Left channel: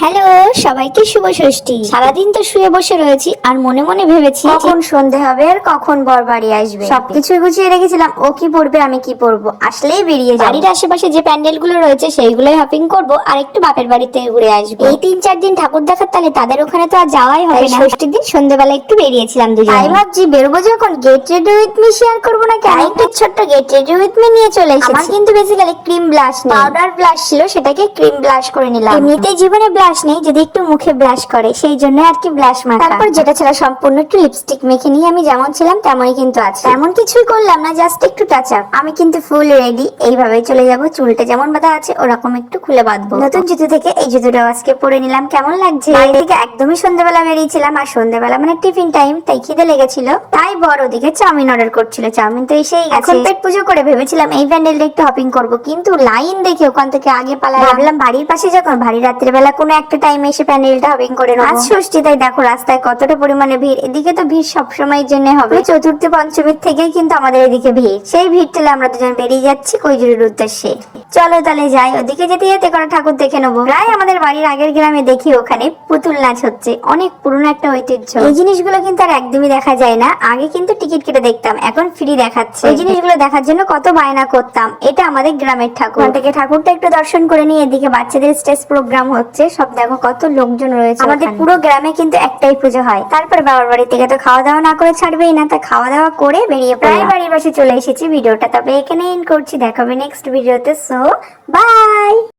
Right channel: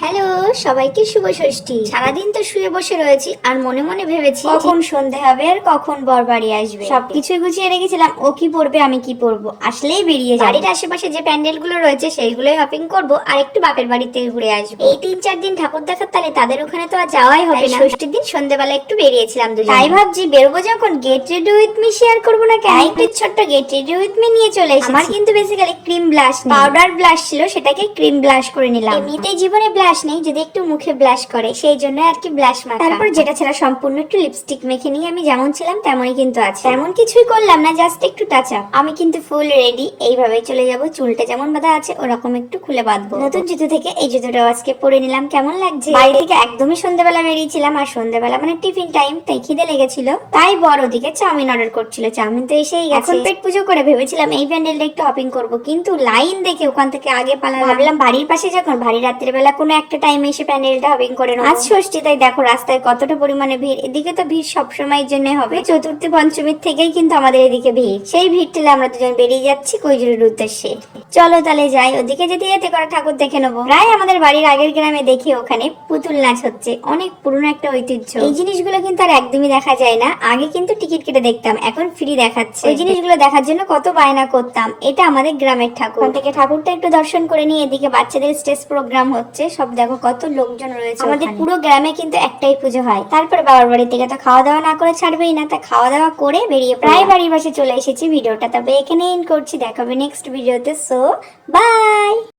Hello, সবাইকে শুভ ষষ্ঠী। সারাদিন তো শুয়ে বসে রয়েছি আর মনে মনে ভেবেছি কখন সন্ধে হবে আর কখন বরবাড়ি আসবে। সবকিছুই গুছিয়ে রেখেছিলাম, ও কি পড়বে আমি কি পড়বো, আসলেই বেরিয়ে যাবো। বাড়ির আশেপাশে যে প্যান্ডেল গুলো রয়েছে সেইগুলোই হপিং করবো আর একটু বাপের বাড়িতে ঘুরে আসবো। এই 3-4 দিন ঠাকুর দেখার তালে তাদের ওখানে তো আর যাওয়াই হবে না। ষষ্ঠীর দিন সন্ধ্যেবেলা একটু বেরিয়েছিলাম দুজনে। তাই ভাবছি বেরোবো যখন get ready with me share করবো না কেন, একটা ছোট্ট গেট রেডি উইথ মি নিয়ে চলে এসেছি। আমার কিন্তু বেসিক্যালি ক্রিম ব্লাশ নেই, পাউডার ব্লাশ ছিল, সেটাকে ক্রিম ব্লাশ করে নিলাম। এমনিতেই জীবনে ব্লাশ নেই, যদি একটু মুখে ব্লাশ করে সেই জন্য আর কি ব্লাশ মাখা। তারপর যেটা ছিল সম্পূর্ণ একটু লিপস্টিক মেখে নিয়ে আমি যেমন ছিলাম তেমনই কিন্তু আছে, তেমন কিছুই করলাম না, জাস্ট একটু টাচ আপ। আমি কিন্তু ফুল রেডি, এইভাবেই চলে যাব। চুলটা যেমন বাঁধা আছে ওরকম একটু খুলে বাঁধবো। নতুন জুতো থেকে এই জুতোটা আজকে পরে নিলাম, কেমন লাগছে। বাড়ি থেকে একদমই সন্ধ্যাবেলা বেরিয়েছিলাম, আর সন্ধ্যাবেলা মানে টিফিন টাইম, তাই খিদে লেগেছিল, তাই বড় দিকে চাউমিন অর্ডার করছিল। চাউমিন তো এসেই গেছে। এখন পেট পুজো করে ভেবেছিলাম এই প্যান্ডেলটা একটু হপিং করব, কিন্তু লাইন দেখে ওখান থেকে আগে পালালাম। ভাবলাম বাড়ির পাশে যখন ভারী রাত্রিবেলা কোনো একটা টাইমে এসে প্যান্ডেলটা হপিং করে নেবো। আজ ষষ্ঠী, তাই দেখো রাস্তায় কতটা পরিমাণে ভিড়। এদিকে তো ভিড় সবসময়ের জন্য হবে, চতুর্থী পঞ্চমীর থেকেই কিন্তু আমাদের এদিকে ভিড়। সেই ভিড় ঠেলে আমরা দুজন বেরিয়ে যাচ্ছি কৈজুরের উদ্দেশ্যে। চলো তাহলে যাই, ওদিকে যেতে যেতে করা ঠাকুর দেখে নেবো। প্রায় আমাদের বাড়ির আগের গ্রামে দেখি ওখানে পুতুল নাচ হচ্ছে, অনেক পুরনো একটা ঐতিহ্য। এই জিনিসগুলো কিন্তু আর একদমই দেখা যায় না, আগে কিন্তু টিকিট কেটে দেখতাম, এখন ফ্রি দেখাচ্ছে। এই জিনিসগুলো দেখার জন্য কত বায়না করতাম। এটা আমাদের গ্রামের ঠাকুর, ওখান থেকে ঠাকুরটা একটু দর্শন করে নিয়ে এদিকে বাচ্চাদের স্টেজ প্রোগ্রাম হচ্ছে, সব দেখো কত লোকজন রয়েছে। আমাদের পুরো গ্রামে কিন্তু একটাই পুজো হয়। তারপর বাবার বাড়ি থেকে তো খাওয়া দাওয়া না করে ছাড়বেই না, তা খাওয়া দাওয়া করে বেরিয়ে প্রায় বাড়ির পাশে চলে এসেছি। ভিডিওটা তবে এখানে এন্ড করছি, দেখাবে নেক্সট ভিডিওতে। So by.